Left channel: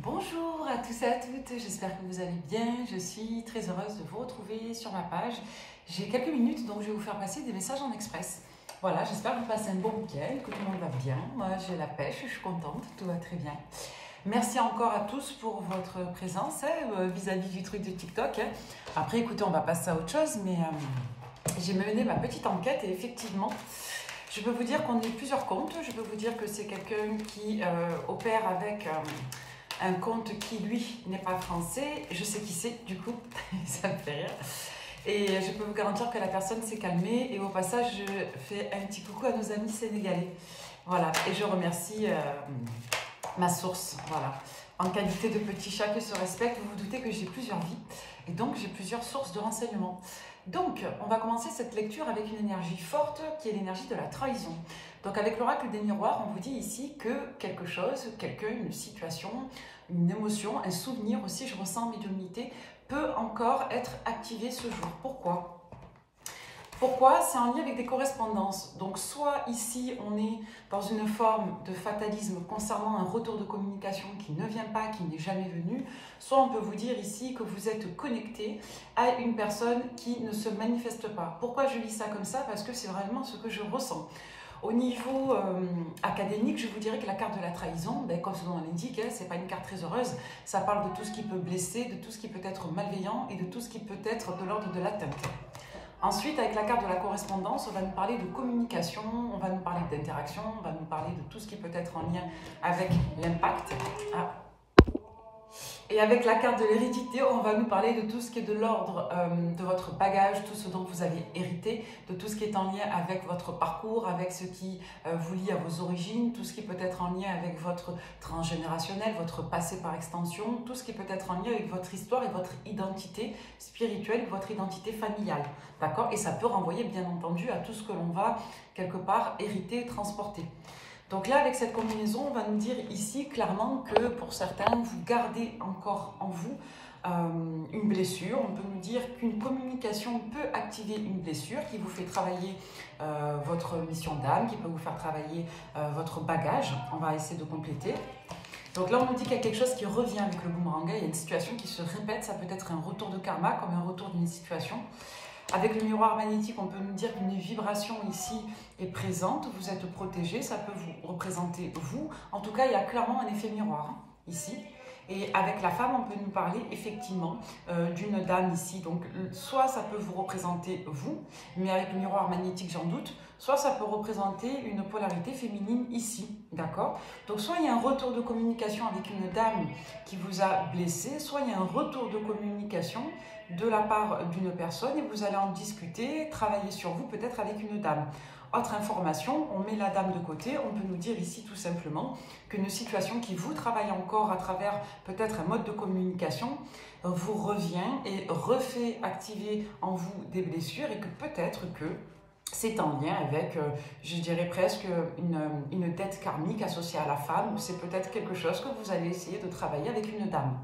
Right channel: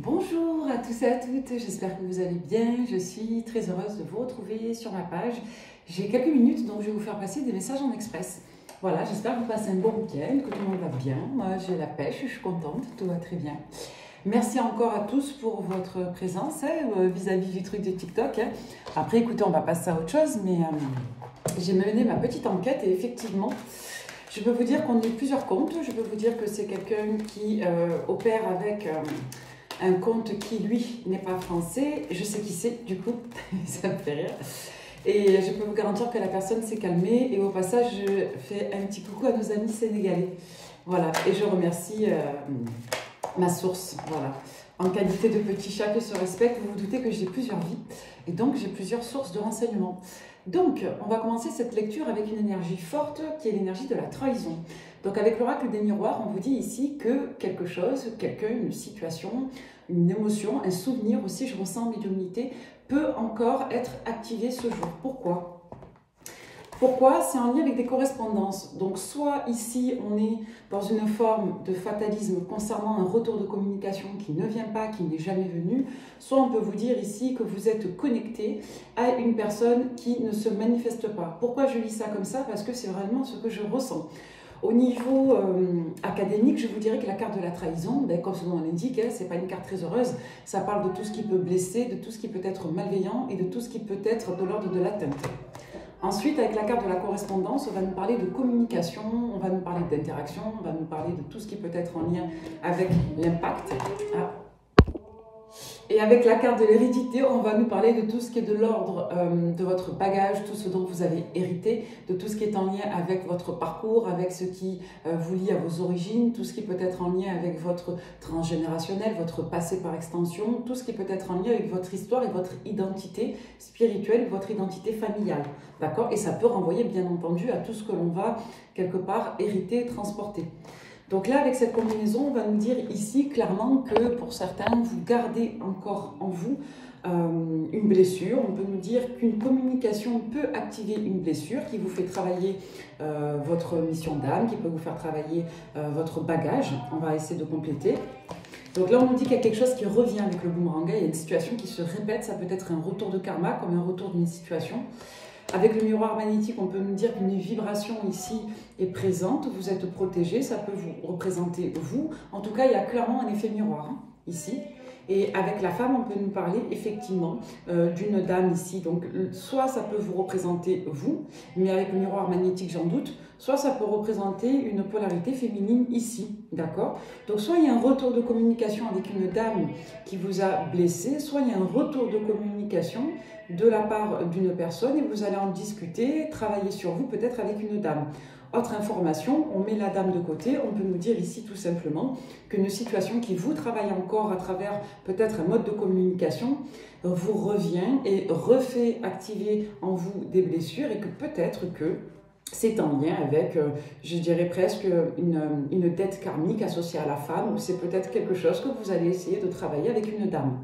Bonjour à tous et à toutes, j'espère que vous allez bien. Je suis très heureuse de vous retrouver sur ma page. J'ai quelques minutes, donc je vais vous faire passer des messages en express. Voilà, j'espère que vous passez un bon week-end, que tout le monde va bien. Moi, j'ai la pêche, je suis contente, tout va très bien. Merci encore à tous pour votre présence vis-à-vis du truc de TikTok. Après, écoutez, on va passer à autre chose, mais j'ai mené ma petite enquête et effectivement, je peux vous dire qu'on est plusieurs comptes. Je peux vous dire que c'est quelqu'un qui opère avec un compte qui, lui, n'est pas français. Je sais qui c'est, du coup, ça me fait rire. Et je peux vous garantir que la personne s'est calmée. Et au passage, je fais un petit coucou à nos amis sénégalais. Voilà, et je remercie ma source, voilà. En qualité de petit chat qui se respecte, vous vous doutez que j'ai plusieurs vies. Et donc, j'ai plusieurs sources de renseignements. Donc, on va commencer cette lecture avec une énergie forte qui est l'énergie de la trahison. Donc, avec l'oracle des miroirs, on vous dit ici que quelque chose, quelqu'un, une situation, une émotion, un souvenir aussi, je ressens médiumnité, peut encore être activé ce jour. Pourquoi ? Pourquoi? C'est en lien avec des correspondances. Donc, soit ici, on est dans une forme de fatalisme concernant un retour de communication qui ne vient pas, qui n'est jamais venu, soit on peut vous dire ici que vous êtes connecté à une personne qui ne se manifeste pas. Pourquoi je lis ça comme ça? Parce que c'est vraiment ce que je ressens. Au niveau académique, je vous dirais que la carte de la trahison, comme son nom l'indique, ce n'est pas une carte très heureuse. Ça parle de tout ce qui peut blesser, de tout ce qui peut être malveillant et de tout ce qui peut être de l'ordre de l'atteinte. Ensuite, avec la carte de la correspondance, on va nous parler de communication, on va nous parler d'interaction, on va nous parler de tout ce qui peut être en lien avec l'impact. Et avec la carte de l'hérédité, on va nous parler de tout ce qui est de l'ordre de votre bagage, tout ce dont vous avez hérité, de tout ce qui est en lien avec votre parcours, avec ce qui vous lie à vos origines, tout ce qui peut être en lien avec votre transgénérationnel, votre passé par extension, tout ce qui peut être en lien avec votre histoire et votre identité spirituelle, votre identité familiale. D'accord? Et ça peut renvoyer bien entendu à tout ce que l'on va quelque part hériter et transporter. Donc là, avec cette combinaison, on va nous dire ici clairement que pour certains, vous gardez encore en vous une blessure. On peut nous dire qu'une communication peut activer une blessure qui vous fait travailler votre mission d'âme, qui peut vous faire travailler votre bagage. On va essayer de compléter. Donc là, on nous dit qu'il y a quelque chose qui revient avec le boomerang. Il y a une situation qui se répète. Ça peut être un retour de karma, comme un retour d'une situation. Avec le miroir magnétique, on peut nous dire qu'une vibration ici est présente, vous êtes protégé, ça peut vous représenter vous. En tout cas, il y a clairement un effet miroir ici. Et avec la femme, on peut nous parler effectivement d'une dame ici. Donc, soit ça peut vous représenter vous, mais avec le miroir magnétique, j'en doute. Soit ça peut représenter une polarité féminine ici, d'accord? Donc, soit il y a un retour de communication avec une dame qui vous a blessé, soit il y a un retour de communication de la part d'une personne et vous allez en discuter, travailler sur vous, peut-être avec une dame. Autre information, on met la dame de côté, on peut nous dire ici tout simplement qu'une situation qui vous travaille encore à travers peut-être un mode de communication vous revient et refait activer en vous des blessures et que peut-être que c'est en lien avec, je dirais presque, une dette karmique associée à la femme, ou c'est peut-être quelque chose que vous allez essayer de travailler avec une dame.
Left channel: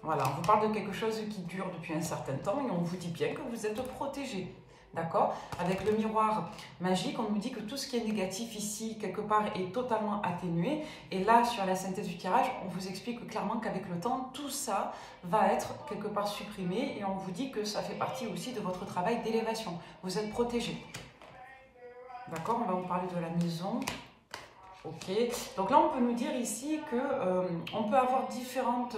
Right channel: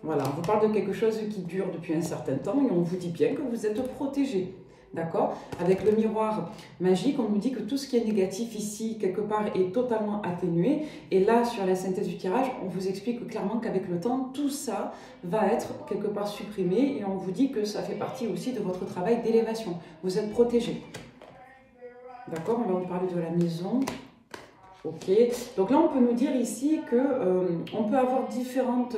Voilà, on vous parle de quelque chose qui dure depuis un certain temps et on vous dit bien que vous êtes protégé. D'accord? Avec le miroir magique, on nous dit que tout ce qui est négatif ici, quelque part, est totalement atténué. Et là, sur la synthèse du tirage, on vous explique clairement qu'avec le temps, tout ça va être quelque part supprimé. Et on vous dit que ça fait partie aussi de votre travail d'élévation. Vous êtes protégé. D'accord? On va vous parler de la maison. Ok, donc là on peut nous dire ici que on peut avoir différentes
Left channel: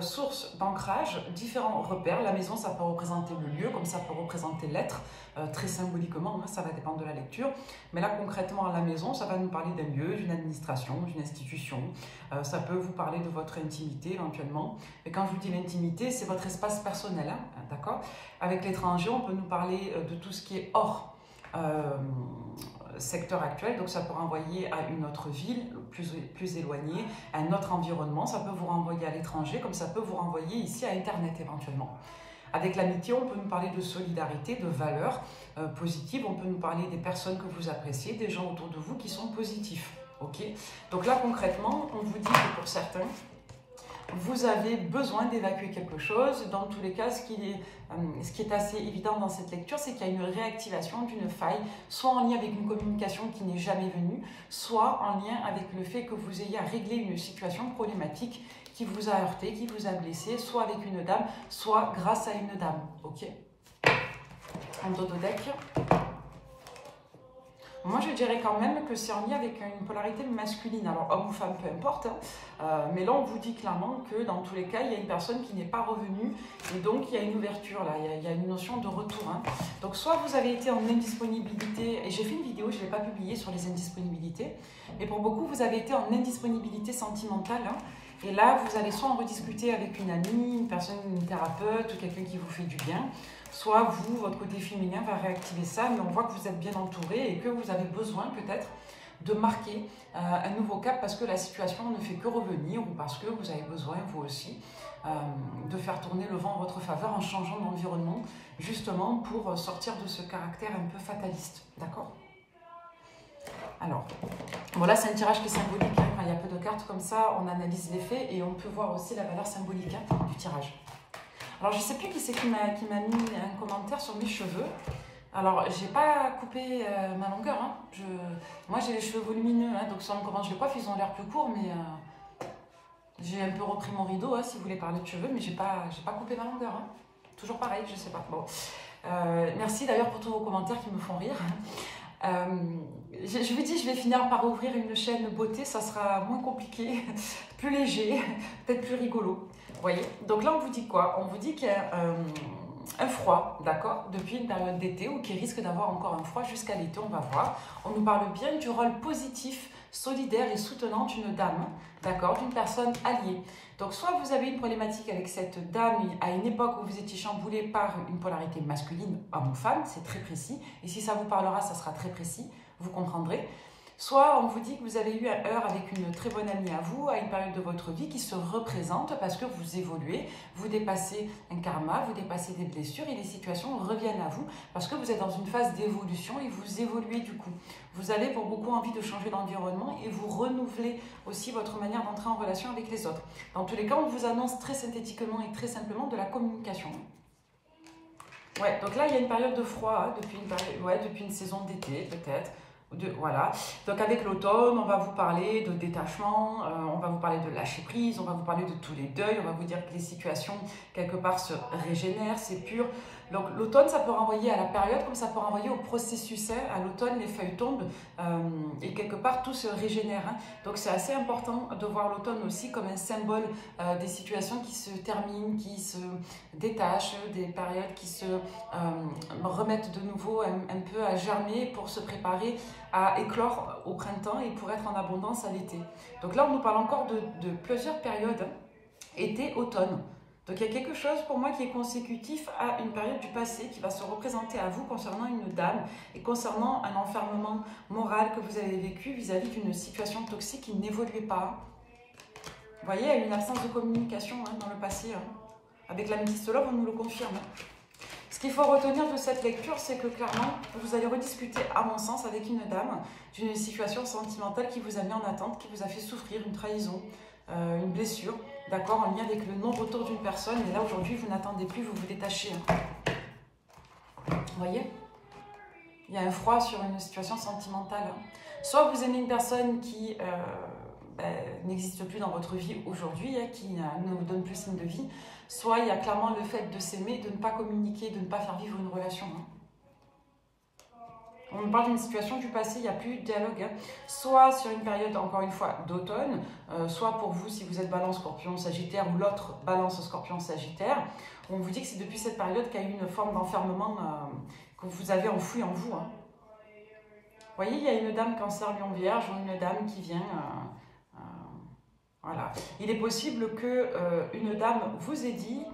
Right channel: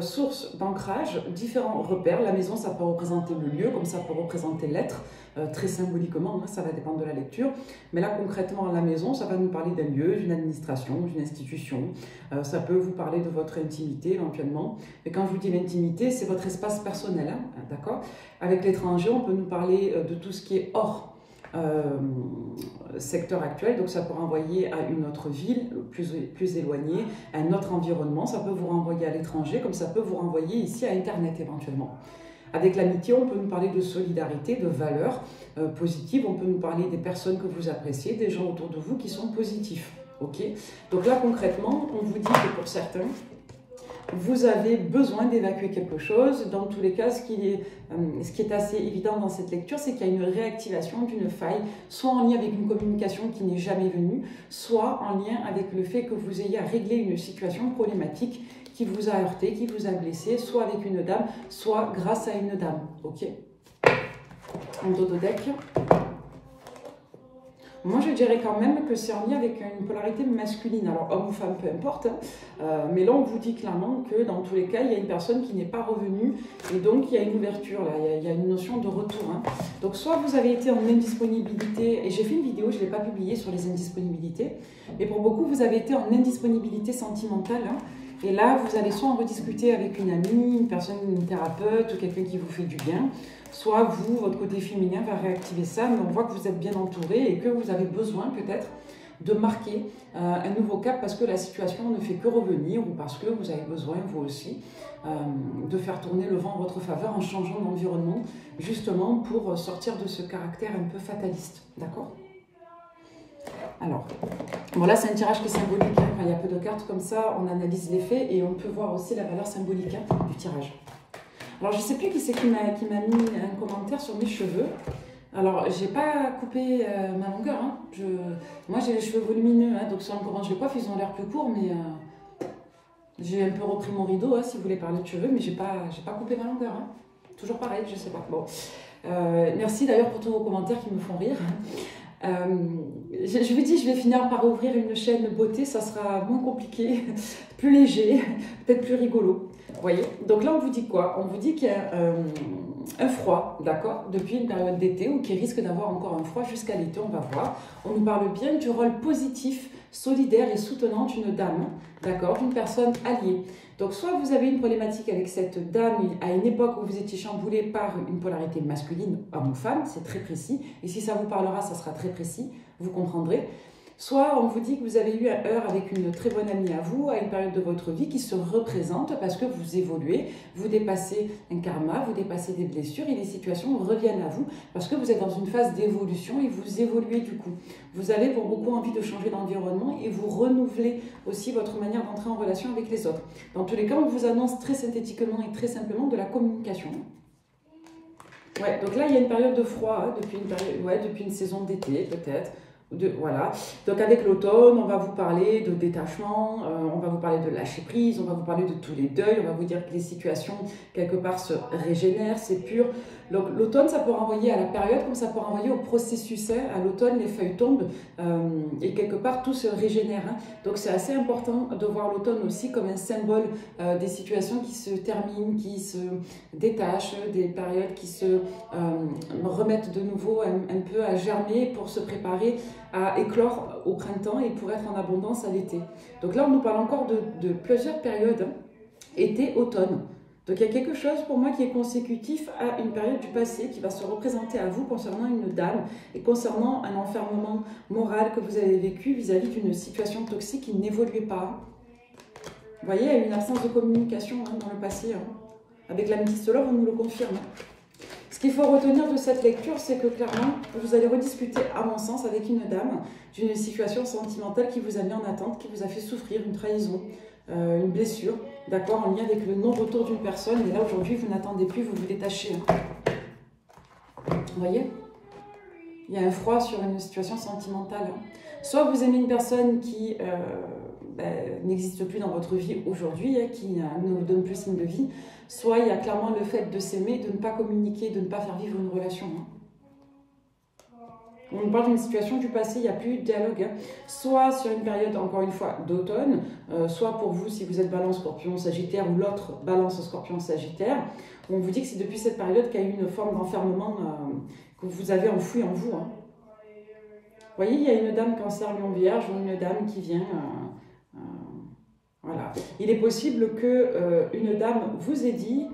sources d'ancrage, différents repères. La maison, ça peut représenter le lieu, comme ça peut représenter l'être, très symboliquement, hein, ça va dépendre de la lecture. Mais là concrètement, la maison, ça va nous parler d'un lieu, d'une administration, d'une institution. Ça peut vous parler de votre intimité éventuellement. Et quand je vous dis l'intimité, c'est votre espace personnel, hein, d'accord? Avec l'étranger, on peut nous parler de tout ce qui est hors secteur actuel, donc ça peut renvoyer à une autre ville plus éloignée, à un autre environnement, ça peut vous renvoyer à l'étranger, comme ça peut vous renvoyer ici à Internet éventuellement. Avec l'amitié, on peut nous parler de solidarité, de valeurs positives, on peut nous parler des personnes que vous appréciez, des gens autour de vous qui sont positifs. Ok. Donc là concrètement, on vous dit que pour certains, vous avez besoin d'évacuer quelque chose. Dans tous les cas, ce qui est assez évident dans cette lecture, c'est qu'il y a une réactivation d'une faille, soit en lien avec une communication qui n'est jamais venue, soit en lien avec le fait que vous ayez à régler une situation problématique qui vous a heurté, qui vous a blessé, soit avec une dame, soit grâce à une dame. Ok. Un dodo deck. Moi, je dirais quand même que c'est en lien avec une polarité masculine. Alors, homme ou femme, peu importe. Mais là, on vous dit clairement que dans tous les cas, il y a une personne qui n'est pas revenue. Et donc, il y a une ouverture là. Il y a une notion de retour. Hein. Donc, soit vous avez été en indisponibilité. Et j'ai fait une vidéo, je ne l'ai pas publiée sur les indisponibilités. Mais pour beaucoup, vous avez été en indisponibilité sentimentale. Hein. Et là, vous allez soit en rediscuter avec une amie, une personne, une thérapeute ou quelqu'un qui vous fait du bien. Soit vous, votre côté féminin va réactiver ça, mais on voit que vous êtes bien entouré et que vous avez besoin peut-être de marquer un nouveau cap parce que la situation ne fait que revenir ou parce que vous avez besoin, vous aussi, de faire tourner le vent en votre faveur en changeant d'environnement, justement pour sortir de ce caractère un peu fataliste. D'accord ? Alors, voilà, c'est un tirage qui est symbolique. Hein. Il y a peu de cartes comme ça, on analyse les faits et on peut voir aussi la valeur symbolique du tirage. Alors, je ne sais plus qui c'est qui m'a mis un commentaire sur mes cheveux. Alors, j'ai pas coupé ma longueur. Hein. Moi, j'ai les cheveux volumineux. Hein, donc, selon comment je les coiffe, ils ont l'air plus courts. Mais j'ai un peu repris mon rideau, hein, si vous voulez parler de cheveux. Mais j'ai pas coupé ma longueur. Hein. Toujours pareil, je sais pas. Bon. Merci d'ailleurs pour tous vos commentaires qui me font rire. Je vous dis, je vais finir par ouvrir une chaîne beauté. Ça sera moins compliqué, plus léger, peut-être plus rigolo. Vous voyez, donc là on vous dit quoi? On vous dit qu'il y a un froid, d'accord, depuis une période d'été ou qui risque d'avoir encore un froid jusqu'à l'été, on va voir. On nous parle bien du rôle positif, solidaire et soutenant d'une dame, d'accord, d'une personne alliée. Donc soit vous avez une problématique avec cette dame à une époque où vous étiez chamboulé par une polarité masculine, homme ou femme, c'est très précis. Et si ça vous parlera, ça sera très précis, vous comprendrez. Soit on vous dit que vous avez eu un heurt avec une très bonne amie à vous, à une période de votre vie qui se représente parce que vous évoluez, vous dépassez un karma, vous dépassez des blessures et les situations reviennent à vous parce que vous êtes dans une phase d'évolution et vous évoluez du coup. Vous avez pour beaucoup envie de changer d'environnement et vous renouvelez aussi votre manière d'entrer en relation avec les autres. Dans tous les cas, on vous annonce très synthétiquement et très simplement de la communication. Ouais, donc là, il y a une période de froid, hein, depuis une saison d'été peut-être. Voilà, donc avec l'automne, on va vous parler de détachement, on va vous parler de lâcher prise, on va vous parler de tous les deuils, on va vous dire que les situations quelque part se régénèrent, c'est pur. Donc l'automne, ça peut renvoyer à la période comme ça peut renvoyer au processus. Hein. À l'automne, les feuilles tombent et quelque part tout se régénère. Hein. Donc c'est assez important de voir l'automne aussi comme un symbole des situations qui se terminent, qui se détachent, des périodes qui se remettent de nouveau un peu à germer pour se préparer à éclore au printemps et pour être en abondance à l'été. Donc là, on nous parle encore de plusieurs périodes, hein. Été, automne. Donc il y a quelque chose pour moi qui est consécutif à une période du passé qui va se représenter à vous concernant une dame et concernant un enfermement moral que vous avez vécu vis-à-vis d'une situation toxique qui n'évoluait pas. Vous voyez, il y a une absence de communication hein, dans le passé. Hein. Avec l'Amethyst Love, on nous le confirme. Ce qu'il faut retenir de cette lecture, c'est que clairement, vous allez rediscuter, à mon sens, avec une dame d'une situation sentimentale qui vous a mis en attente, qui vous a fait souffrir une trahison, une blessure, d'accord, en lien avec le non-retour d'une personne. Et là, aujourd'hui, vous n'attendez plus, vous vous détachez. Hein. Vous voyez? Il y a un froid sur une situation sentimentale. Hein. Soit vous aimez une personne qui n'existe plus dans votre vie aujourd'hui, hein, qui ne vous donne plus signe de vie, soit il y a clairement le fait de s'aimer, de ne pas communiquer, de ne pas faire vivre une relation. Hein. On parle d'une situation du passé, il n'y a plus de dialogue. Hein. Soit sur une période, encore une fois, d'automne, soit pour vous, si vous êtes balance, scorpion, sagittaire, ou l'autre balance, scorpion, sagittaire, on vous dit que c'est depuis cette période qu'il y a eu une forme d'enfermement que vous avez enfoui en vous. Hein. Vous voyez, il y a une dame cancer, lion, vierge, ou une dame qui vient... voilà. Il est possible qu'une dame vous ait dit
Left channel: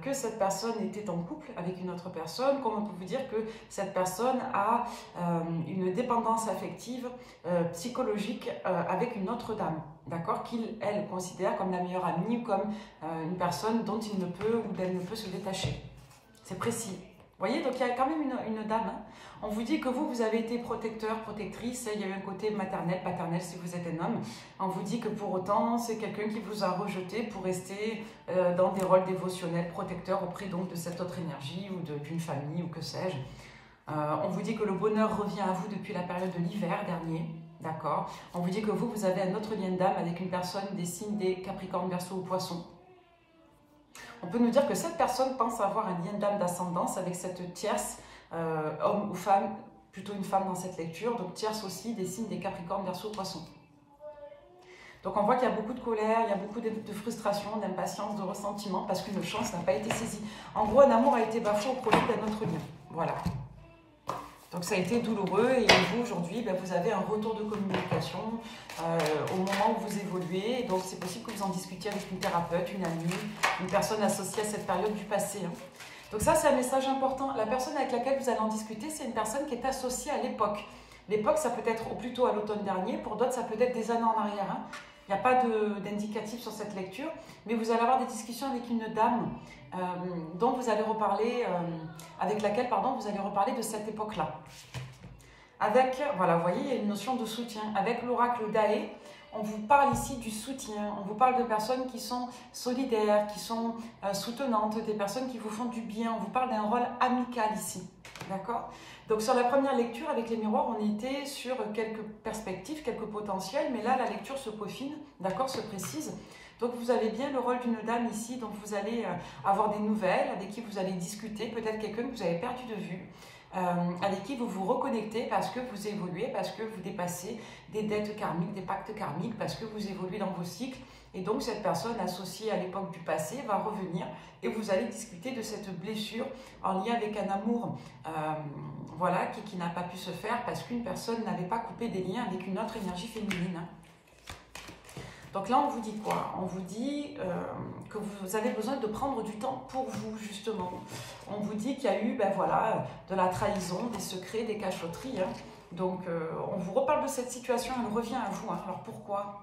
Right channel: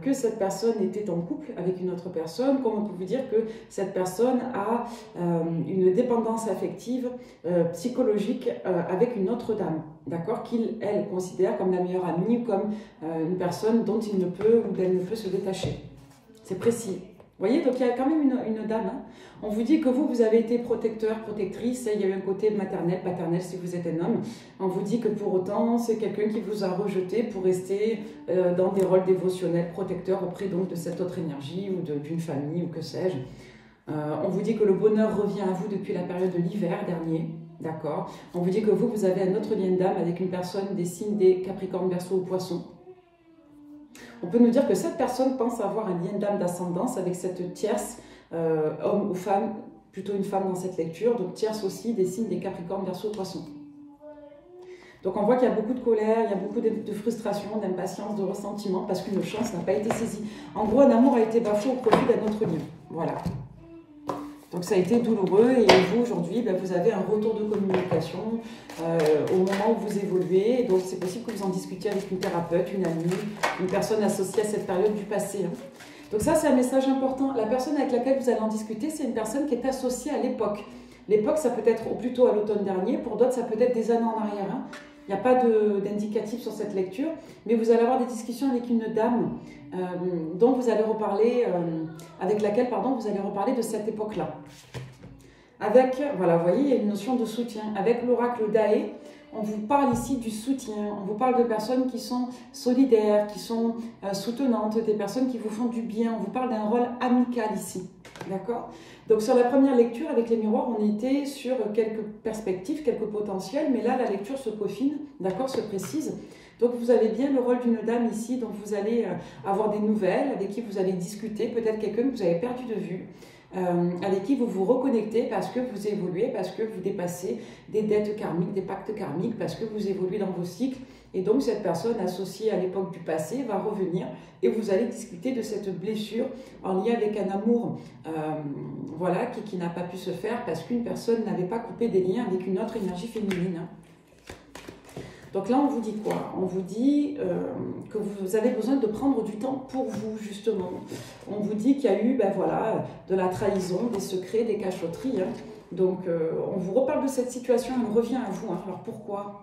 que cette personne était en couple avec une autre personne, comme on peut vous dire que cette personne a une dépendance affective, psychologique avec une autre dame, d'accord, qu'elle considère comme la meilleure amie, comme une personne dont il ne peut ou d'elle ne peut se détacher. C'est précis. voyez, donc il y a quand même une dame. Hein. On vous dit que vous avez été protecteur, protectrice. Il y a eu un côté maternel, paternel si vous êtes un homme. On vous dit que pour autant, c'est quelqu'un qui vous a rejeté pour rester dans des rôles dévotionnels, protecteurs auprès donc de cette autre énergie ou d'une famille ou que sais-je. On vous dit que le bonheur revient à vous depuis la période de l'hiver dernier. D'accord. On vous dit que vous avez un autre lien d'âme avec une personne des signes des Capricornes, Verseau ou Poissons. On peut nous dire que cette personne pense avoir un lien d'âme d'ascendance avec cette tierce, homme ou femme, plutôt une femme dans cette lecture, donc tierce aussi des signes des Capricornes, Verseau, Poissons. Donc on voit qu'il y a beaucoup de colère, il y a beaucoup de frustration, d'impatience, de ressentiment, parce qu'une chance n'a pas été saisie. En gros, un amour a été bafoué au profit d'un autre lien. Voilà. Donc ça a été douloureux et vous aujourd'hui, vous avez un retour de communication au moment où vous évoluez. Donc c'est possible que vous en discutiez avec une thérapeute, une amie, une personne associée à cette période du passé. Hein. Donc ça c'est un message important. La personne avec laquelle vous allez en discuter, c'est une personne qui est associée à l'époque. L'époque ça peut être plutôt à l'automne dernier, pour d'autres ça peut être des années en arrière. Hein. Il n'y a pas d'indicatif sur cette lecture, mais vous allez avoir des discussions avec une dame dont vous allez reparler, avec laquelle vous allez reparler de cette époque-là. Avec, voilà, vous voyez, il y a une notion de soutien. Avec l'oracle d'Aé, on vous parle ici du soutien, on vous parle de personnes qui sont solidaires, qui sont soutenantes, des personnes qui vous font du bien, on vous parle d'un rôle amical ici, d'accord ? Donc sur la première lecture avec les miroirs, on était sur quelques perspectives, quelques potentiels, mais là la lecture se peaufine, d'accord, se précise. Donc vous avez bien le rôle d'une dame ici, dont vous allez avoir des nouvelles, avec qui vous allez discuter, peut-être quelqu'un que vous avez perdu de vue, avec qui vous vous reconnectez parce que vous évoluez, parce que vous dépassez des dettes karmiques, des pactes karmiques, parce que vous évoluez dans vos cycles. Et donc cette personne associée à l'époque du passé va revenir et vous allez discuter de cette blessure en lien avec un amour voilà, qui n'a pas pu se faire parce qu'une personne n'avait pas coupé des liens avec une autre énergie féminine. Donc là, on vous dit quoi? On vous dit que vous avez besoin de prendre du temps pour vous, justement. On vous dit qu'il y a eu voilà, de la trahison, des secrets, des cachotteries. Hein. Donc, on vous reparle de cette situation, elle revient à vous. Hein. Alors, pourquoi?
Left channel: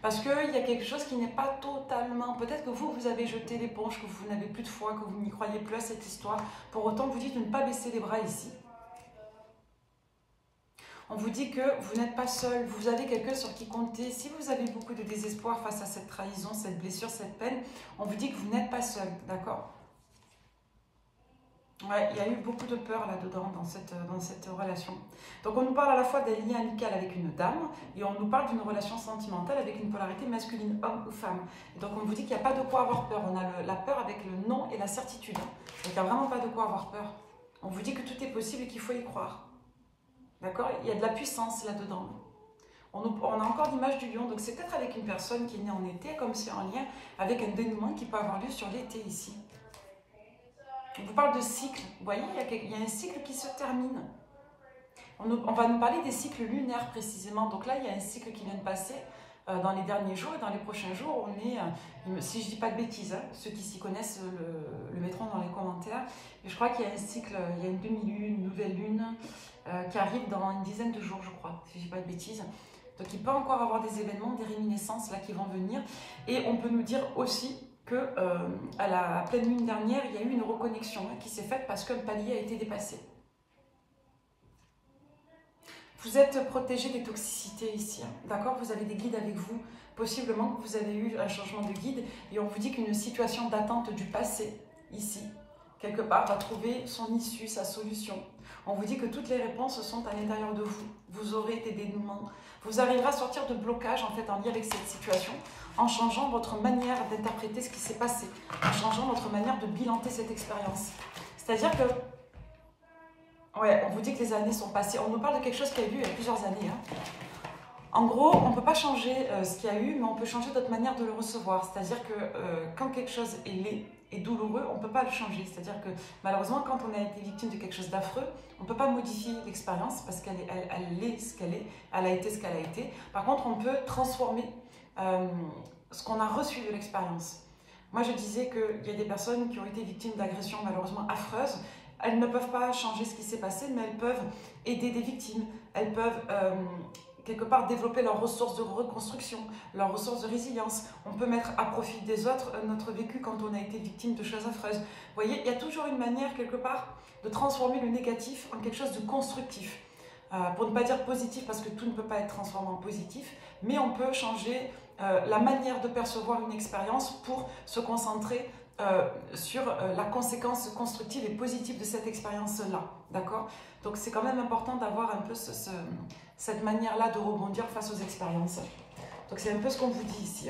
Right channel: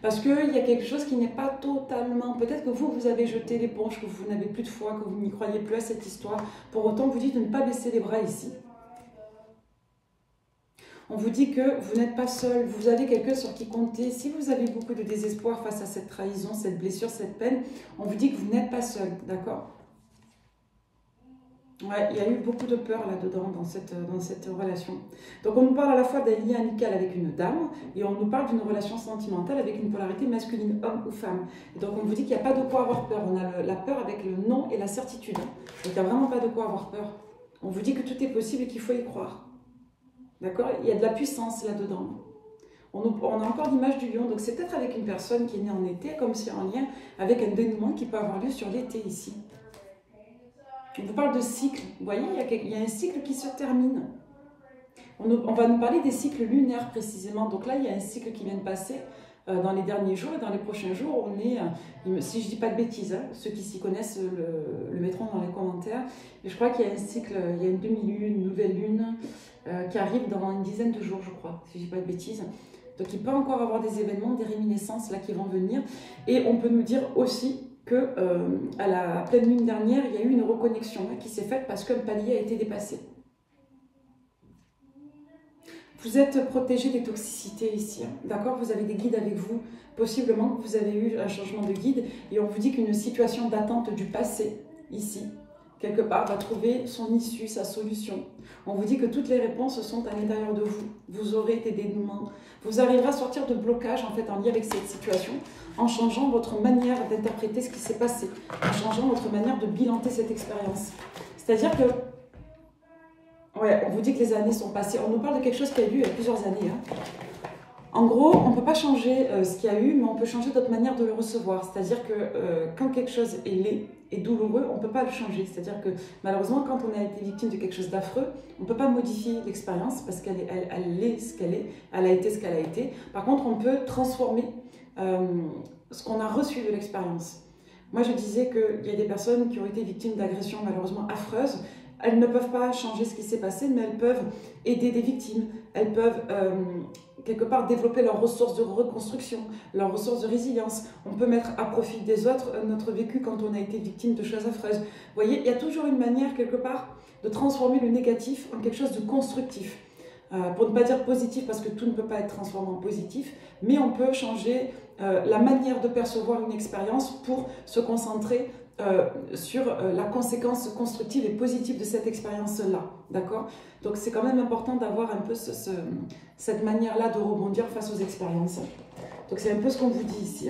Parce qu'il y a quelque chose qui n'est pas totalement... Peut-être que vous avez jeté l'éponge, que vous n'avez plus de foi, que vous n'y croyez plus à cette histoire. Pour autant, on vous dit de ne pas baisser les bras ici. On vous dit que vous n'êtes pas seul, vous avez quelqu'un sur qui compter. Si vous avez beaucoup de désespoir face à cette trahison, cette blessure, cette peine, on vous dit que vous n'êtes pas seul, d'accord? Ouais, il y a eu beaucoup de peur là-dedans, dans cette relation. Donc on nous parle à la fois d'un lien amical avec une dame, et on nous parle d'une relation sentimentale avec une polarité masculine, homme ou femme. Et donc on vous dit qu'il n'y a pas de quoi avoir peur. On a la peur avec le non et la certitude. Donc il n'y a vraiment pas de quoi avoir peur. On vous dit que tout est possible et qu'il faut y croire. D'accord? Il y a de la puissance là-dedans. On a encore l'image du lion, donc c'est peut-être avec une personne qui est née en été, comme c'est en lien avec un dénouement qui peut avoir lieu sur l'été ici. On vous parle de cycle, vous voyez, il y a un cycle qui se termine. On va nous parler des cycles lunaires précisément, donc là il y a un cycle qui vient de passer dans les derniers jours et dans les prochains jours, on est, si je ne dis pas de bêtises, hein, ceux qui s'y connaissent le mettront dans les commentaires, mais je crois qu'il y a un cycle, il y a une demi-lune, une nouvelle lune qui arrive dans une dizaine de jours, je crois, si je ne dis pas de bêtises. Donc il peut encore avoir des événements, des réminiscences là qui vont venir, et on peut nous dire aussi que à la pleine lune dernière, il y a eu une reconnexion hein, qui s'est faite parce qu'un palier a été dépassé. Vous êtes protégé des toxicités ici, hein, d'accord? Vous avez des guides avec vous, possiblement que vous avez eu un changement de guide, et on vous dit qu'une situation d'attente du passé, ici, quelque part, va trouver son issue, sa solution. On vous dit que toutes les réponses sont à l'intérieur de vous. Vous aurez des dénouements. Vous arriverez à sortir de blocage, en fait, en lien avec cette situation, en changeant votre manière d'interpréter ce qui s'est passé, en changeant votre manière de bilanter cette expérience. C'est-à-dire que ouais, on vous dit que les années sont passées. On nous parle de quelque chose qui a eu il y a plusieurs années. Hein. En gros, on ne peut pas changer ce qu'il y a eu, mais on peut changer notre manière de le recevoir. C'est-à-dire que quand quelque chose est laid et douloureux, on ne peut pas le changer. C'est-à-dire que malheureusement, quand on a été victime de quelque chose d'affreux, on ne peut pas modifier l'expérience parce qu'elle est ce qu'elle est, elle a été ce qu'elle a été. Par contre, on peut transformer ce qu'on a reçu de l'expérience. Moi, je disais qu'il y a des personnes qui ont été victimes d'agressions malheureusement affreuses elles ne peuvent pas changer ce qui s'est passé, mais elles peuvent aider des victimes. Elles peuvent quelque part développer leurs ressources de reconstruction, leurs ressources de résilience. On peut mettre à profit des autres notre vécu quand on a été victime de choses affreuses. Vous voyez, il y a toujours une manière quelque part de transformer le négatif en quelque chose de constructif. Pour ne pas dire positif, parce que tout ne peut pas être transformé en positif, mais on peut changer la manière de percevoir une expérience pour se concentrer sur la conséquence constructive et positive de cette expérience-là, d'accord? Donc c'est quand même important d'avoir un peu cette manière-là de rebondir face aux expériences. Donc c'est un peu ce qu'on vous dit ici.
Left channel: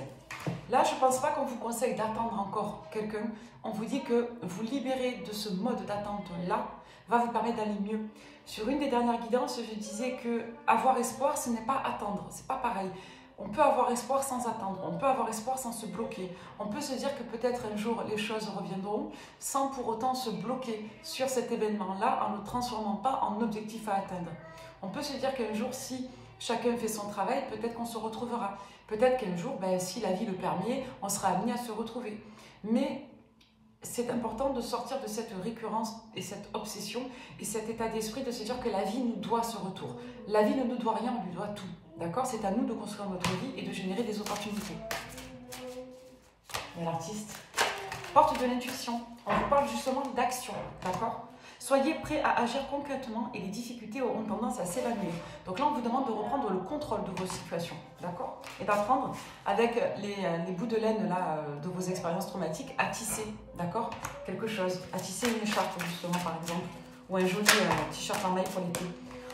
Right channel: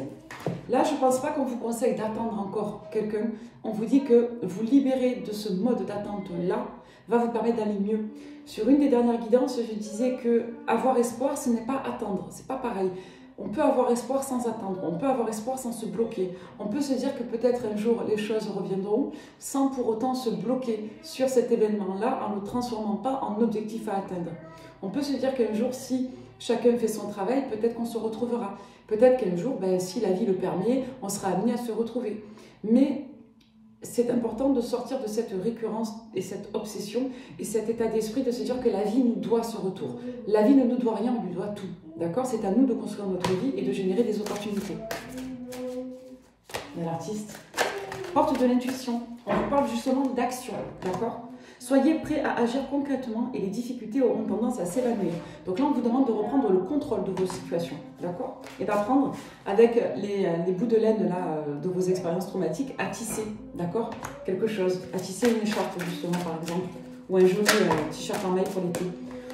Là, je ne pense pas qu'on vous conseille d'attendre encore quelqu'un. On vous dit que vous libérer de ce mode d'attente-là va vous permettre d'aller mieux. Sur une des dernières guidances, je disais que avoir espoir, ce n'est pas attendre, c'est pas pareil. On peut avoir espoir sans attendre, on peut avoir espoir sans se bloquer. On peut se dire que peut-être un jour les choses reviendront sans pour autant se bloquer sur cet événement-là en ne le transformant pas en objectif à atteindre. On peut se dire qu'un jour, si chacun fait son travail, peut-être qu'on se retrouvera. Peut-être qu'un jour, si la vie le permet, on sera amené à se retrouver. Mais c'est important de sortir de cette récurrence et cette obsession et cet état d'esprit de se dire que la vie nous doit ce retour. La vie ne nous doit rien, on lui doit tout. D'accord? C'est à nous de construire notre vie et de générer des opportunités. Il y a l'artiste. Porte de l'intuition. On vous parle justement d'action. D'accord? Soyez prêts à agir concrètement et les difficultés auront tendance à s'évanouir. Donc là, on vous demande de reprendre le contrôle de vos situations, d'accord? Et d'apprendre avec les bouts de laine là, de vos expériences traumatiques à tisser, d'accord? Quelque chose, à tisser une écharpe justement par exemple, ou un joli t-shirt en maille pour l'été.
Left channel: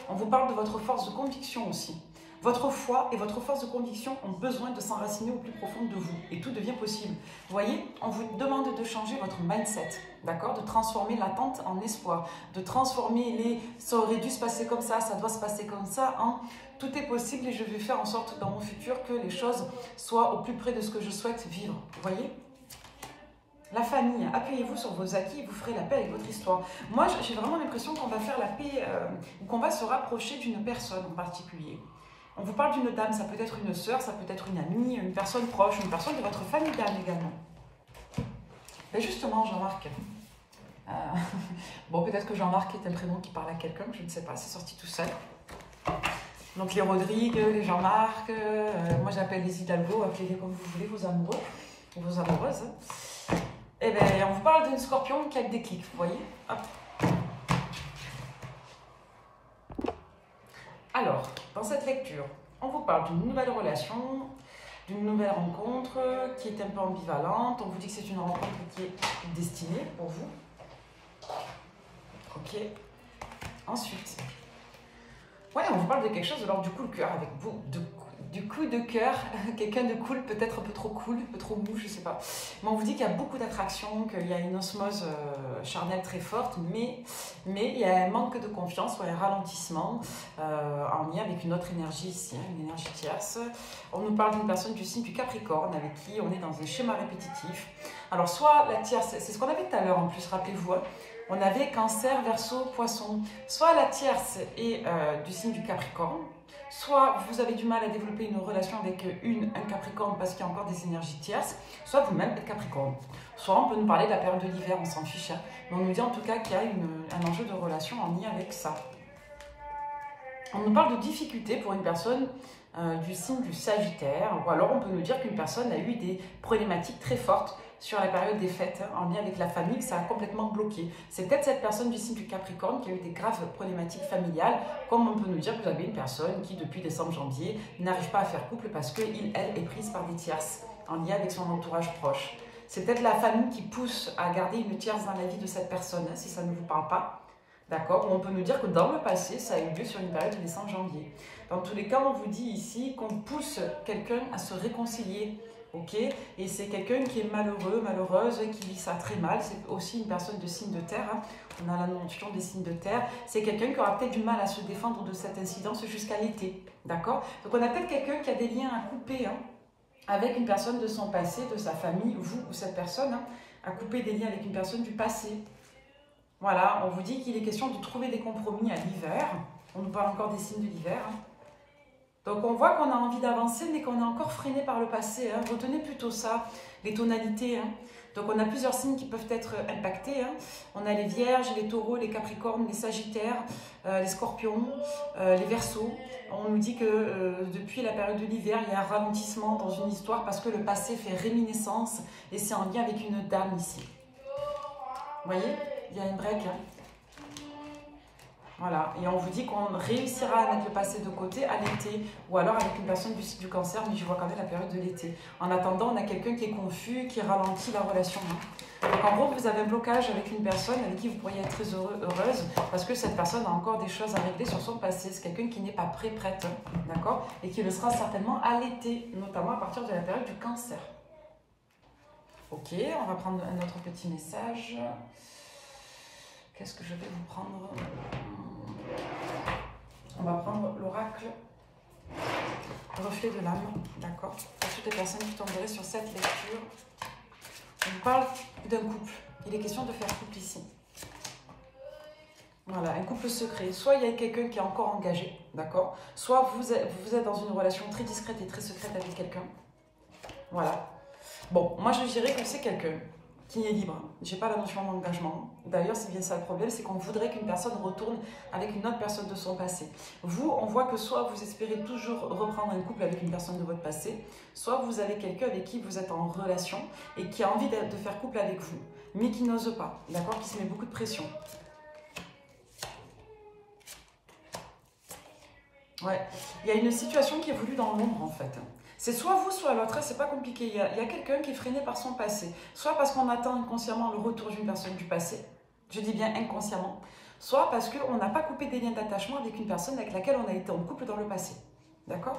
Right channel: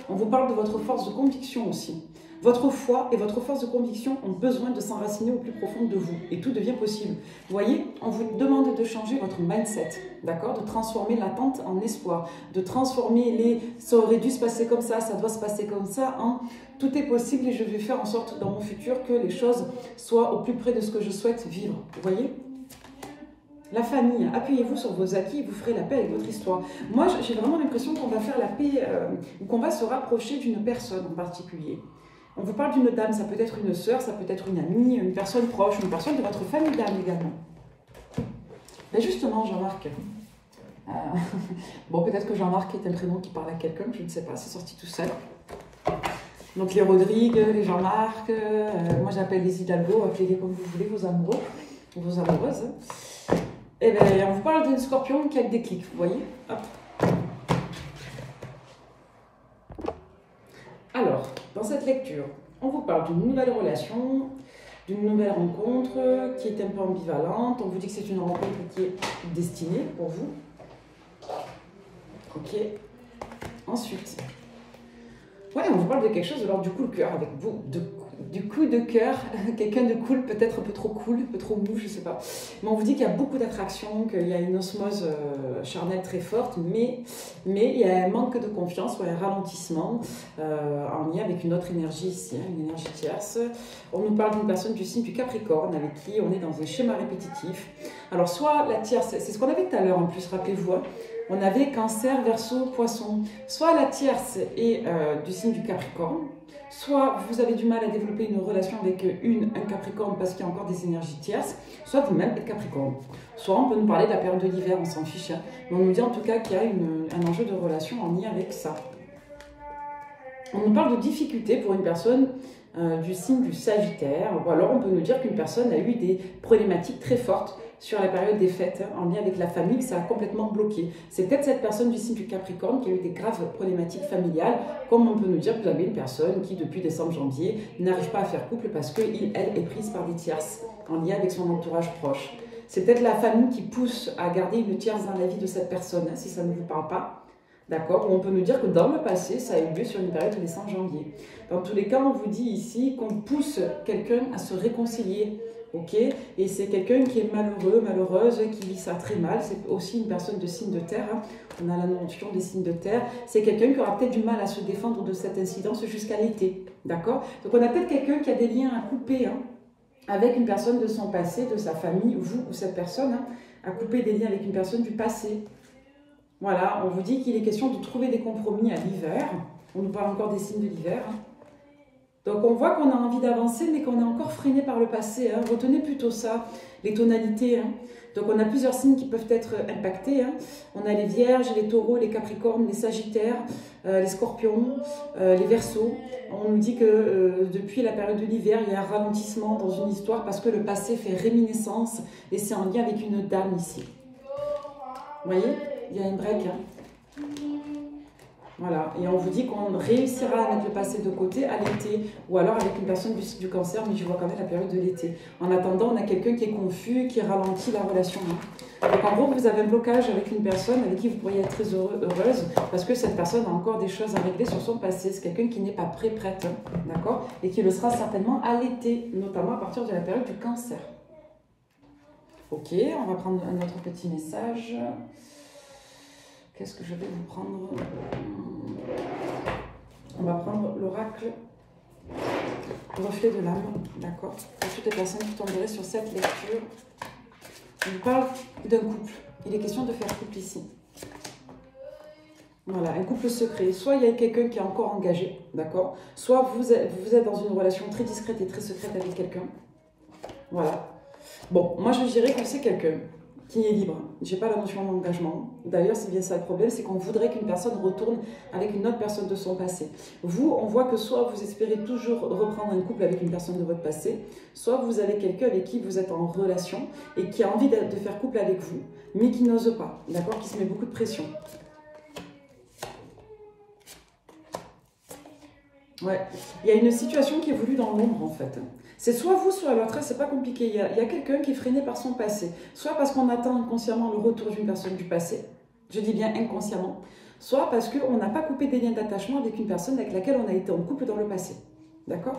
On vous parle de votre force de conviction aussi. Votre foi et votre force de conviction ont besoin de s'enraciner au plus profond de vous et tout devient possible. Vous voyez, on vous demande de changer votre mindset, d'accord? De transformer l'attente en espoir, de transformer les « ça aurait dû se passer comme ça doit se passer comme ça » en « tout est possible et je vais faire en sorte dans mon futur que les choses soient au plus près de ce que je souhaite vivre ». Vous voyez? La famille, appuyez-vous sur vos acquis et vous ferez la paix avec votre histoire. Moi, j'ai vraiment l'impression qu'on va faire la paix ou qu'on va se rapprocher d'une personne en particulier. On vous parle d'une dame, ça peut être une sœur, ça peut être une amie, une personne proche, une personne de votre famille également. Mais justement, Jean-Marc, bon, peut-être que Jean-Marc est un prénom qui parle à quelqu'un, je ne sais pas, c'est sorti tout seul. Donc les Rodrigue, les Jean-Marc, moi j'appelle les Hidalgo, appelez-les comme vous voulez, vos amoureux, vos amoureuses. Eh bien, on vous parle d'un scorpion qui a le déclic, vous voyez? Hop. Alors, dans cette lecture, on vous parle d'une nouvelle relation, d'une nouvelle rencontre qui est un peu ambivalente. On vous dit que c'est une rencontre qui est destinée pour vous. Ok. Ensuite, ouais, on vous parle de quelque chose de l'ordre du coup de cœur avec vous, du coup de cœur, quelqu'un de cool, peut-être un peu trop cool, un peu trop mou, je sais pas. Mais on vous dit qu'il y a beaucoup d'attraction, qu'il y a une osmose charnelle très forte, mais il y a un manque de confiance ou un ralentissement en lien avec une autre énergie ici, hein, une énergie tierce. On nous parle d'une personne du signe du Capricorne avec qui on est dans un schéma répétitif. Alors soit la tierce, c'est ce qu'on avait tout à l'heure en plus, rappelez-vous, hein. On avait Cancer, Verseau, Poisson. Soit la tierce est du signe du Capricorne, soit vous avez du mal à développer une relation avec un Capricorne parce qu'il y a encore des énergies tierces, soit vous-même êtes Capricorne. Soit on peut nous parler de la période de l'hiver, on s'en fiche. Hein. Mais on nous dit en tout cas qu'il y a un enjeu de relation en lien avec ça. On nous parle de difficultés pour une personne du signe du Sagittaire, ou alors on peut nous dire qu'une personne a eu des problématiques très fortes sur la période des fêtes, hein, en lien avec la famille, que ça a complètement bloqué. C'est peut-être cette personne du signe du Capricorne qui a eu des graves problématiques familiales, comme on peut nous dire que vous avez une personne qui, depuis décembre-janvier, n'arrive pas à faire couple parce qu'elle est prise par des tierces, en lien avec son entourage proche. C'est peut-être la famille qui pousse à garder une tierce dans la vie de cette personne, hein, si ça ne vous parle pas. D'accord? Ou on peut nous dire que dans le passé, ça a eu lieu sur une période de décembre-janvier. Dans tous les cas, on vous dit ici qu'on pousse quelqu'un à se réconcilier. Ok, et c'est quelqu'un qui est malheureux, malheureuse, qui vit ça très mal. C'est aussi une personne de signe de terre. Hein. On a la notion des signes de terre. C'est quelqu'un qui aura peut-être du mal à se défendre de cette incidence jusqu'à l'été. D'accord? Donc on a peut-être quelqu'un qui a des liens à couper hein, avec une personne de son passé, de sa famille, vous ou cette personne, hein, à couper des liens avec une personne du passé. Voilà, on vous dit qu'il est question de trouver des compromis à l'hiver. On nous parle encore des signes de l'hiver. Hein. Donc on voit qu'on a envie d'avancer, mais qu'on est encore freiné par le passé. Hein. Retenez plutôt ça, les tonalités. Hein. Donc on a plusieurs signes qui peuvent être impactés. Hein. On a les Vierges, les Taureaux, les Capricornes, les Sagittaires, les Scorpions, les Verseaux. On nous dit que depuis la période de l'hiver, il y a un ralentissement dans une histoire parce que le passé fait réminiscence et c'est en lien avec une dame ici. Vous voyez, il y a une break. Hein. Voilà, et on vous dit qu'on réussira à mettre le passé de côté à l'été, ou alors avec une personne du cancer, mais je vois quand même la période de l'été. En attendant, on a quelqu'un qui est confus, qui ralentit la relation. Donc en gros, vous avez un blocage avec une personne avec qui vous pourriez être très heureuse, parce que cette personne a encore des choses à régler sur son passé. C'est quelqu'un qui n'est pas prête, d'accord, et qui le sera certainement à l'été, notamment à partir de la période du cancer. Ok, on va prendre un autre petit message. Qu'est-ce que je vais vous prendre? On va prendre l'oracle reflet de l'âme, d'accord? Pour toutes les personnes qui tomberaient sur cette lecture, on parle d'un couple. Il est question de faire couple ici. Voilà, un couple secret. Soit il y a quelqu'un qui est encore engagé, d'accord? Soit vous êtes dans une relation très discrète et très secrète avec quelqu'un. Voilà. Bon, moi je dirais que c'est quelqu'un qui est libre. Je n'ai pas la notion d'engagement. D'ailleurs, c'est bien ça le problème, c'est qu'on voudrait qu'une personne retourne avec une autre personne de son passé. Vous, on voit que soit vous espérez toujours reprendre un couple avec une personne de votre passé, soit vous avez quelqu'un avec qui vous êtes en relation et qui a envie de faire couple avec vous, mais qui n'ose pas, d'accord, qui se met beaucoup de pression. Ouais, il y a une situation qui évolue dans l'ombre en fait. C'est soit vous, soit l'autre, c'est pas compliqué. Il y a quelqu'un qui est freiné par son passé. Soit parce qu'on attend inconsciemment le retour d'une personne du passé, je dis bien inconsciemment, soit parce qu'on n'a pas coupé des liens d'attachement avec une personne avec laquelle on a été en couple dans le passé. D'accord?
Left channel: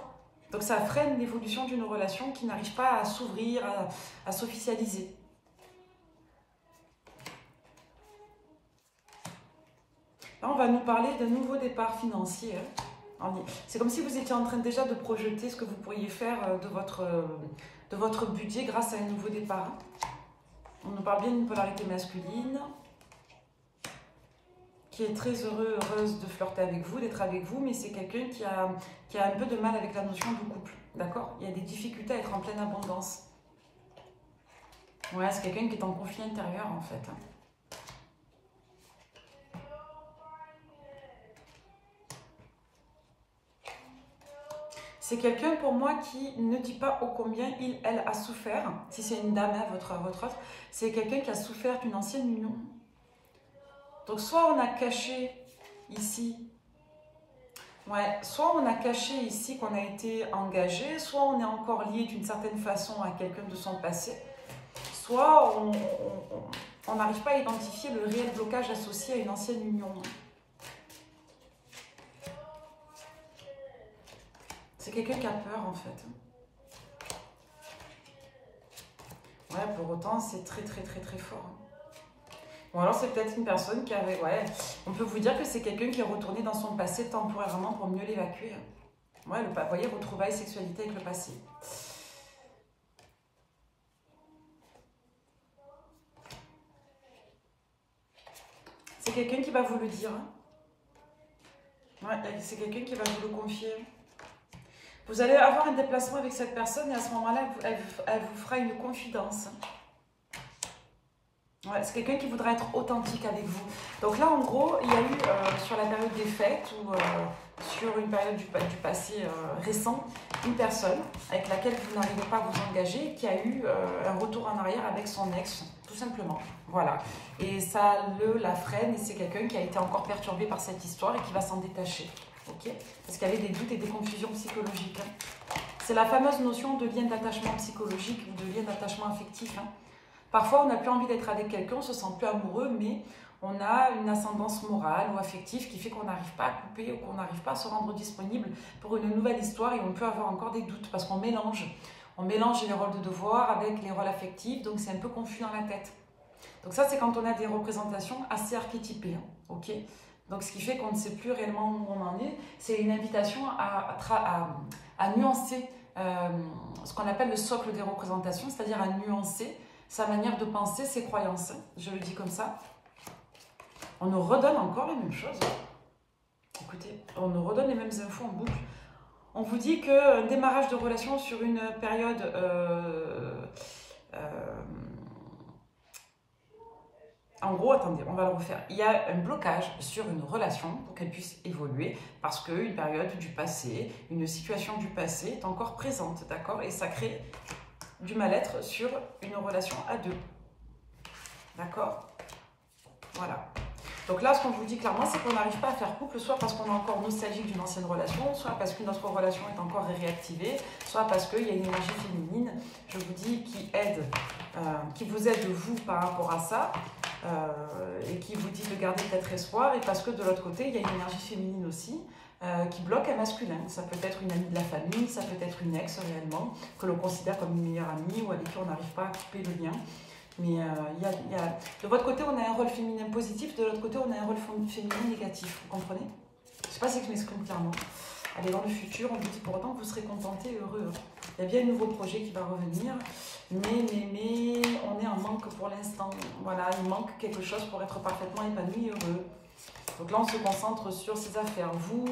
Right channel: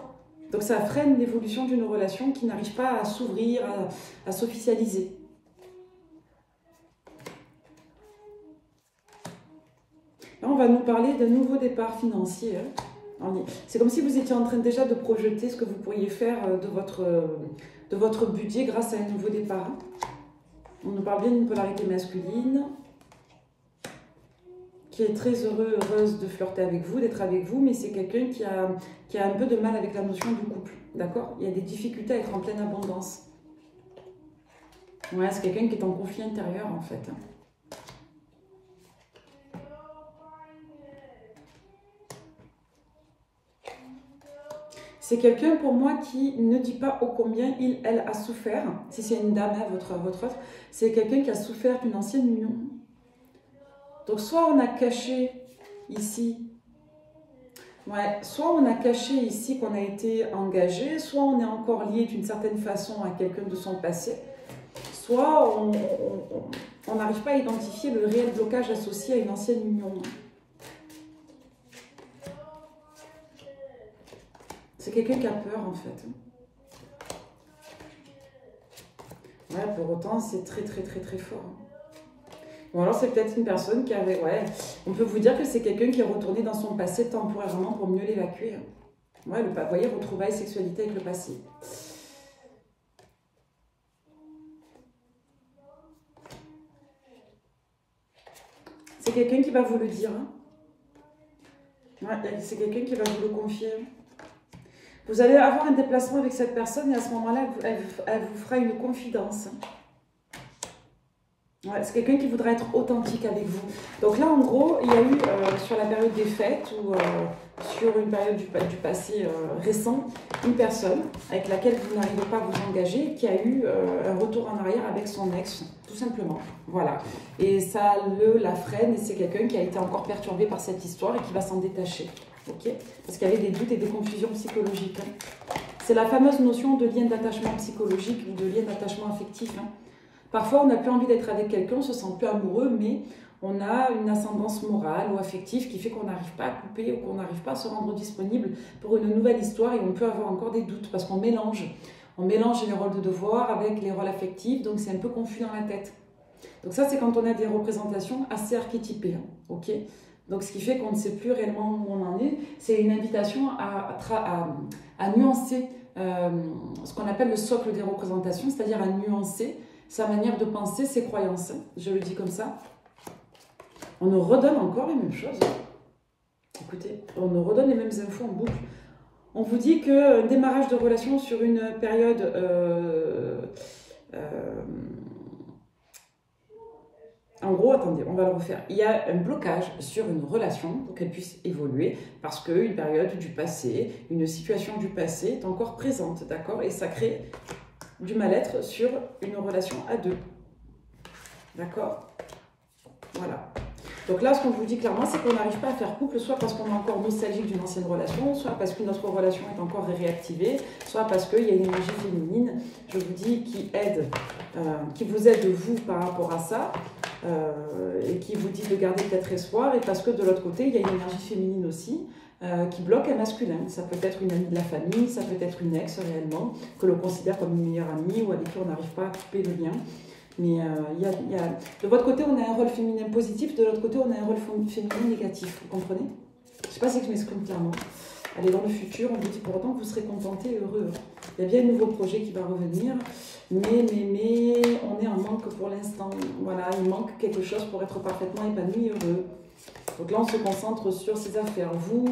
Donc ça freine l'évolution d'une relation qui n'arrive pas à s'ouvrir, à s'officialiser. Là, on va nous parler d'un nouveau départ financier. C'est comme si vous étiez en train déjà de projeter ce que vous pourriez faire de votre budget grâce à un nouveau départ. On nous parle bien d'une polarité masculine qui est très heureuse de flirter avec vous, d'être avec vous, mais c'est quelqu'un qui a un peu de mal avec la notion de couple. D'accord? Il y a des difficultés à être en pleine abondance. Ouais, c'est quelqu'un qui est en conflit intérieur en fait. C'est quelqu'un pour moi qui ne dit pas ô combien elle a souffert. Si c'est une dame, votre autre, c'est quelqu'un qui a souffert d'une ancienne union. Donc soit on a caché ici, soit on a caché ici qu'on a été engagé, soit on est encore lié d'une certaine façon à quelqu'un de son passé, soit on n'arrive pas à identifier le réel blocage associé à une ancienne union. C'est quelqu'un qui a peur en fait. Ouais, pour autant, c'est très fort. Ou alors c'est peut-être une personne qui avait... Ouais, on peut vous dire que c'est quelqu'un qui est retourné dans son passé temporairement pour mieux l'évacuer. Ouais, vous voyez, retrouvailles sexualité avec le passé. C'est quelqu'un qui va vous le dire. Ouais, c'est quelqu'un qui va vous le confier. Vous allez avoir un déplacement avec cette personne et à ce moment-là, elle vous fera une confidence. Ouais, c'est quelqu'un qui voudra être authentique avec vous. Donc là, en gros, il y a eu sur la période des fêtes ou sur une période du passé récent, une personne avec laquelle vous n'arrivez pas à vous engager qui a eu un retour en arrière avec son ex, tout simplement. Voilà. Et ça la freine et c'est quelqu'un qui a été encore perturbé par cette histoire et qui va s'en détacher. Okay, parce qu'il y avait des doutes et des confusions psychologiques. Hein. C'est la fameuse notion de lien d'attachement psychologique ou de lien d'attachement affectif. Hein. Parfois, on n'a plus envie d'être avec quelqu'un, on ne se sent plus amoureux, mais on a une ascendance morale ou affective qui fait qu'on n'arrive pas à couper ou qu'on n'arrive pas à se rendre disponible pour une nouvelle histoire et on peut avoir encore des doutes parce qu'on mélange. On mélange les rôles de devoir avec les rôles affectifs, donc c'est un peu confus dans la tête. Donc ça, c'est quand on a des représentations assez archétypées. Hein. Ok ? Donc, ce qui fait qu'on ne sait plus réellement où on en est, c'est une invitation à nuancer ce qu'on appelle le socle des représentations, c'est-à-dire à nuancer sa manière de penser, ses croyances. Je le dis comme ça. On nous redonne encore les mêmes choses. Écoutez, on nous redonne les mêmes infos en boucle. On vous dit qu'un démarrage de relation sur une période en gros, attendez, on va le refaire. Il y a un blocage sur une relation pour qu'elle puisse évoluer parce qu'une période du passé, une situation du passé est encore présente, d'accord? Et ça crée du mal-être sur une relation à deux, d'accord? Voilà. Donc là, ce qu'on vous dit clairement, c'est qu'on n'arrive pas à faire couple, soit parce qu'on est encore nostalgique d'une ancienne relation, soit parce que notre relation est encore réactivée, soit parce qu'il y a une énergie féminine, je vous dis, qui vous aide vous par rapport à ça, et qui vous dit de garder peut-être espoir, et parce que de l'autre côté, il y a une énergie féminine aussi, qui bloque un masculin. Ça peut être une amie de la famille, ça peut être une ex réellement, que l'on considère comme une meilleure amie, ou avec qui on n'arrive pas à couper le lien. Mais de votre côté, on a un rôle féminin positif, de l'autre côté, on a un rôle féminin négatif, vous comprenez? Je ne sais pas si je m'exprime clairement. Allez, dans le futur, on vous dit pour autant que vous serez contenté et heureux. Il y a bien un nouveau projet qui va revenir, mais on est en manque pour l'instant. Voilà, il manque quelque chose pour être parfaitement épanoui et heureux. Donc là, on se concentre sur ses affaires. Vous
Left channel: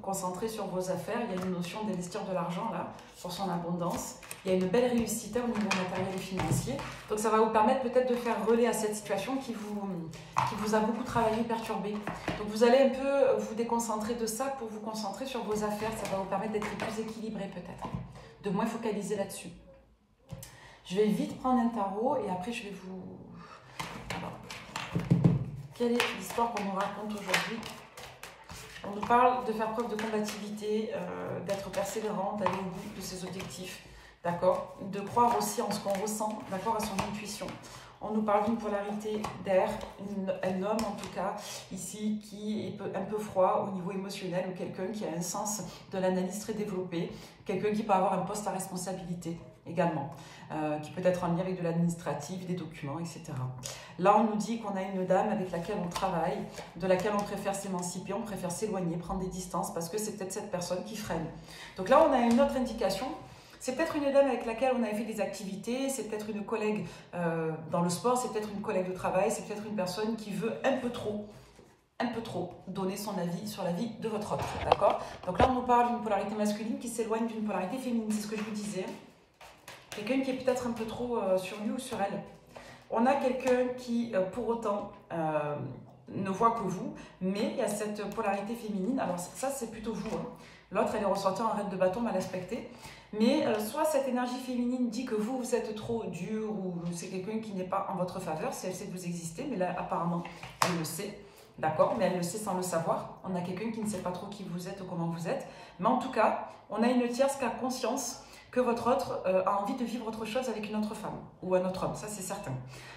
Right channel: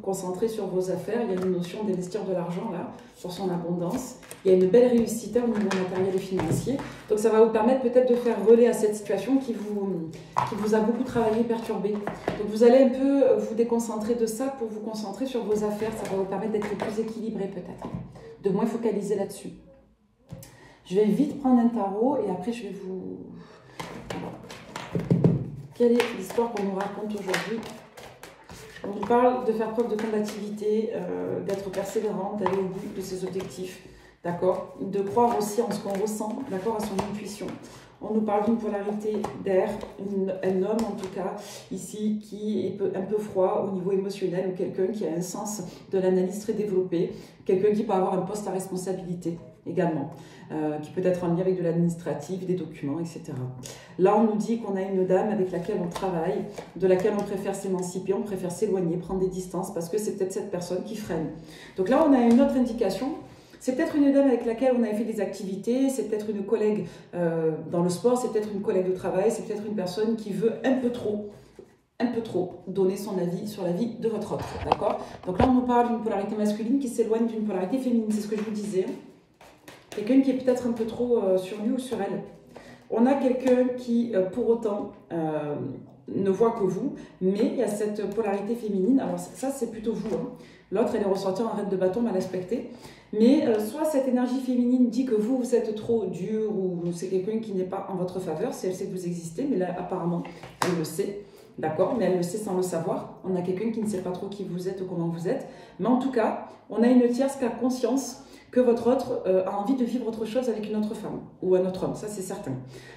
concentrez sur vos affaires. Il y a une notion d'investir de l'argent là, pour son abondance. Il y a une belle réussite au niveau matériel et financier. Donc ça va vous permettre peut-être de faire relais à cette situation qui vous a beaucoup travaillé, perturbé. Donc vous allez un peu vous déconcentrer de ça pour vous concentrer sur vos affaires. Ça va vous permettre d'être plus équilibré peut-être, de moins focaliser là-dessus. Je vais vite prendre un tarot et après je vais vous... Alors, quelle est l'histoire qu'on nous raconte aujourd'hui? On nous parle de faire preuve de combativité, d'être persévérant, d'aller au bout de ses objectifs, d'accord? De croire aussi en ce qu'on ressent, d'accord, à son intuition. On nous parle d'une polarité d'air, un homme en tout cas, ici, qui est un peu froid au niveau émotionnel, ou quelqu'un qui a un sens de l'analyse très développé, quelqu'un qui peut avoir un poste à responsabilité également, qui peut être en lien avec de l'administratif, des documents, etc. Là, on nous dit qu'on a une dame avec laquelle on travaille, de laquelle on préfère s'émanciper, on préfère s'éloigner, prendre des distances, parce que c'est peut-être cette personne qui freine. Donc là, on a une autre indication. C'est peut-être une dame avec laquelle on avait fait des activités, c'est peut-être une collègue dans le sport, c'est peut-être une collègue de travail, c'est peut-être une personne qui veut un peu trop donner son avis sur la vie de votre autre, d'accord? Donc là, on nous parle d'une polarité masculine qui s'éloigne d'une polarité féminine, c'est ce que je vous disais. Quelqu'un qui est peut-être un peu trop sur lui ou sur elle. On a quelqu'un qui, pour autant, ne voit que vous, mais il y a cette polarité féminine. Alors ça, c'est plutôt vous. Hein. L'autre, elle est ressortie en raide de bâton, mal aspectée. Mais soit cette énergie féminine dit que vous êtes trop dur, ou c'est quelqu'un qui n'est pas en votre faveur, si elle sait que vous existez, mais là, apparemment, elle le sait. D'accord, mais elle le sait sans le savoir. On a quelqu'un qui ne sait pas trop qui vous êtes ou comment vous êtes. Mais en tout cas, on a une tierce qui a conscience que votre autre a envie de vivre autre chose avec une autre femme ou un autre homme, ça c'est certain.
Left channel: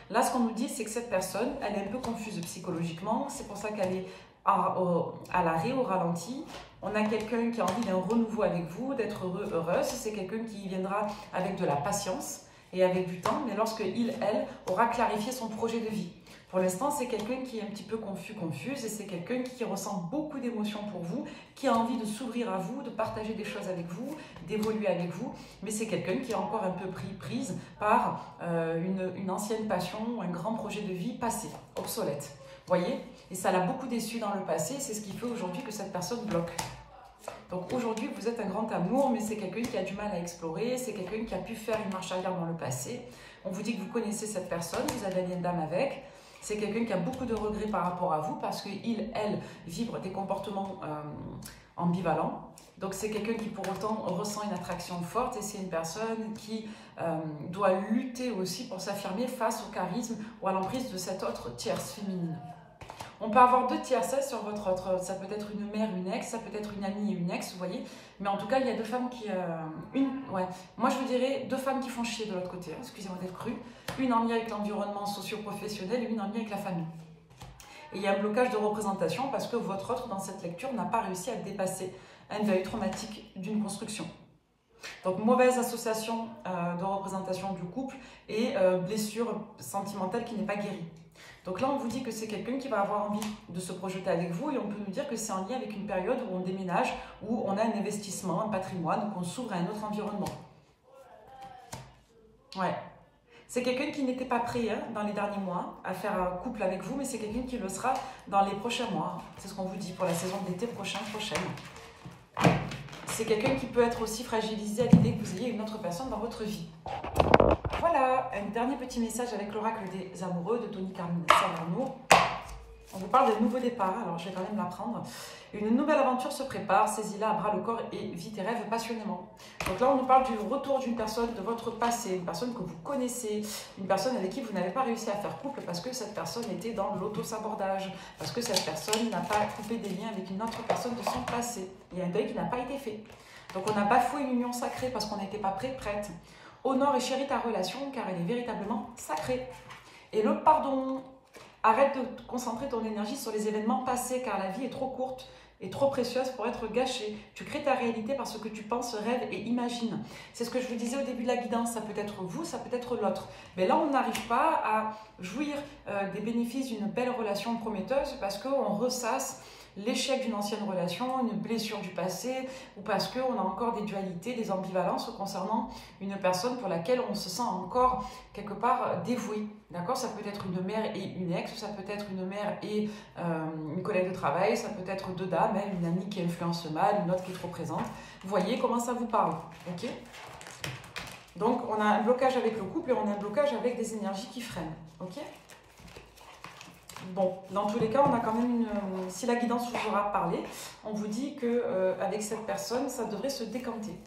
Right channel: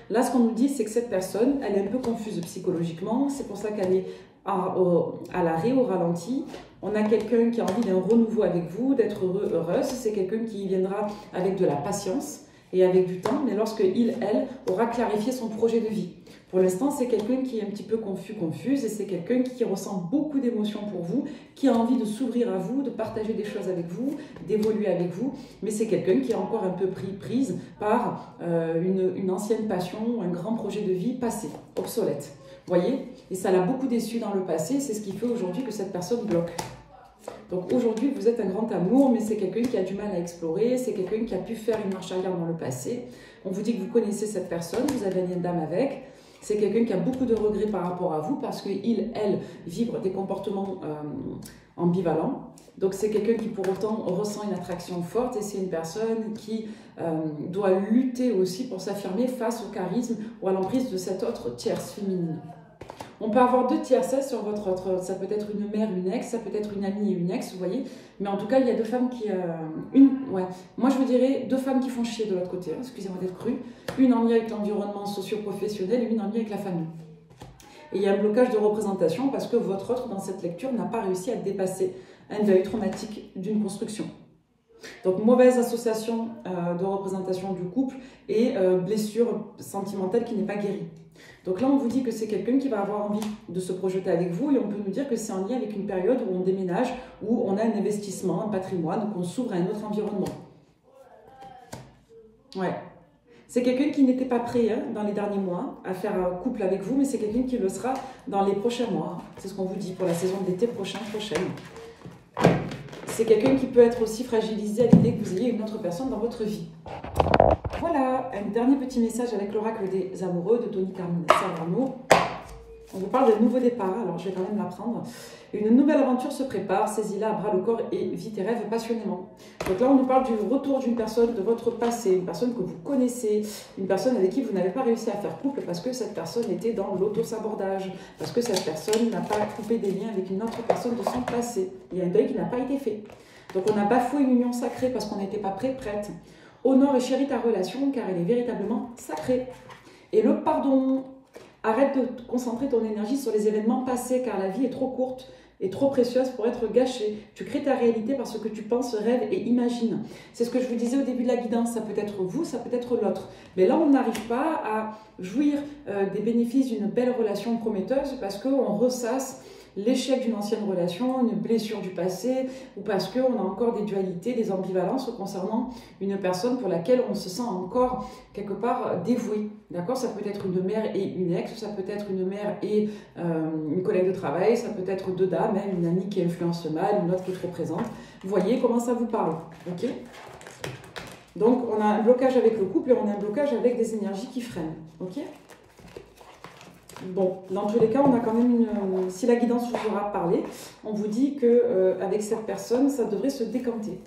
Là, ce qu'on nous dit, c'est que cette personne, elle est un peu confuse psychologiquement, c'est pour ça qu'elle est à l'arrêt, au ralenti. On a quelqu'un qui a envie d'un renouveau avec vous, d'être heureux, heureuse. C'est quelqu'un qui viendra avec de la patience et avec du temps, mais lorsque elle, aura clarifié son projet de vie. Pour l'instant, c'est quelqu'un qui est un petit peu confuse, et c'est quelqu'un qui ressent beaucoup d'émotions pour vous, qui a envie de s'ouvrir à vous, de partager des choses avec vous, d'évoluer avec vous, mais c'est quelqu'un qui est encore un peu prise par une ancienne passion, un grand projet de vie passé, obsolète. Voyez? Et ça l'a beaucoup déçu dans le passé, et c'est ce qui fait aujourd'hui que cette personne bloque. Donc aujourd'hui, vous êtes un grand amour, mais c'est quelqu'un qui a du mal à explorer, c'est quelqu'un qui a pu faire une marche arrière dans le passé. On vous dit que vous connaissez cette personne, vous avez un lien d'âme avec. C'est quelqu'un qui a beaucoup de regrets par rapport à vous parce qu'il, elle, vibre des comportements ambivalents. Donc c'est quelqu'un qui pour autant ressent une attraction forte, et c'est une personne qui doit lutter aussi pour s'affirmer face au charisme ou à l'emprise de cette autre tierce féminine. On peut avoir deux tierces sur votre autre, ça peut être une mère, une ex, ça peut être une amie et une ex, vous voyez. Mais en tout cas, il y a deux femmes qui... Moi, je vous dirais deux femmes qui font chier de l'autre côté, hein, excusez-moi d'être cru. Une en lien avec l'environnement socio-professionnel et une en lien avec la famille. Et il y a un blocage de représentation parce que votre autre, dans cette lecture, n'a pas réussi à dépasser un deuil traumatique d'une construction. Donc, mauvaise association de représentation du couple et blessure sentimentale qui n'est pas guérie. Donc là, on vous dit que c'est quelqu'un qui va avoir envie de se projeter avec vous, et on peut nous dire que c'est en lien avec une période où on déménage, où on a un investissement, un patrimoine, où on s'ouvre à un autre environnement. Ouais. C'est quelqu'un qui n'était pas prêt dans les derniers mois à faire un couple avec vous, mais c'est quelqu'un qui le sera dans les prochains mois. C'est ce qu'on vous dit pour la saison d'été prochaine. c'est quelqu'un qui peut être aussi fragilisé à l'idée que vous ayez une autre personne dans votre vie. Voilà, un dernier petit message avec l'oracle des amoureux de Tony Carmine Salerno. On vous parle d'un nouveau départ, alors je vais quand même l'apprendre. Une nouvelle aventure se prépare, saisis-la à bras le corps et vis tes rêves passionnément. Donc là, on nous parle du retour d'une personne de votre passé, une personne que vous connaissez, une personne avec qui vous n'avez pas réussi à faire couple parce que cette personne était dans l'auto-sabordage, parce que cette personne n'a pas coupé des liens avec une autre personne de son passé. Il y a un deuil qui n'a pas été fait. Donc on a bafoué une union sacrée parce qu'on n'était pas prête. Honore et chéris ta relation car elle est véritablement sacrée. Et le pardon. Arrête de te concentrer ton énergie sur les événements passés car la vie est trop courte et trop précieuse pour être gâchée. Tu crées ta réalité par ce que tu penses, rêves et imagines. C'est ce que je vous disais au début de la guidance, ça peut être vous, ça peut être l'autre. Mais là, on n'arrive pas à jouir des bénéfices d'une belle relation prometteuse parce qu'on ressasse l'échec d'une ancienne relation, une blessure du passé, ou parce qu'on a encore des dualités, des ambivalences concernant une personne pour laquelle on se sent encore quelque part dévoué. D'accord? Ça peut être une mère et une ex, ça peut être une mère et une collègue de travail, ça peut être deux dames, hein, une amie qui influence mal, une autre qui est trop présente. Vous voyez comment ça vous parle, ok? Donc on a un blocage avec le couple et on a un blocage avec des énergies qui freinent, ok? Bon, dans tous les cas, on a quand même une... Si la guidance vous aura parlé, on vous dit qu'avec cette personne, ça devrait se décanter.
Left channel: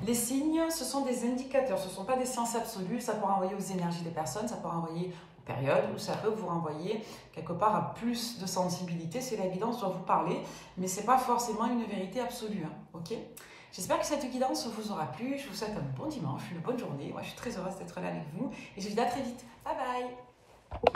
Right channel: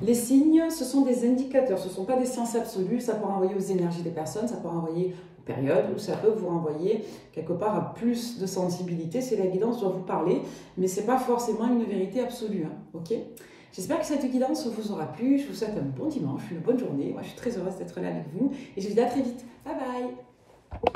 Les signes, ce sont des indicateurs, ce ne sont pas des sciences absolues, ça peut renvoyer aux énergies des personnes, ça peut renvoyer aux périodes, ou ça peut vous renvoyer quelque part à plus de sensibilité, si la guidance doit vous parler, mais ce n'est pas forcément une vérité absolue, hein, ok? J'espère que cette guidance vous aura plu, je vous souhaite un bon dimanche, une bonne journée, moi je suis très heureuse d'être là avec vous, et je vous dis à très vite, bye bye.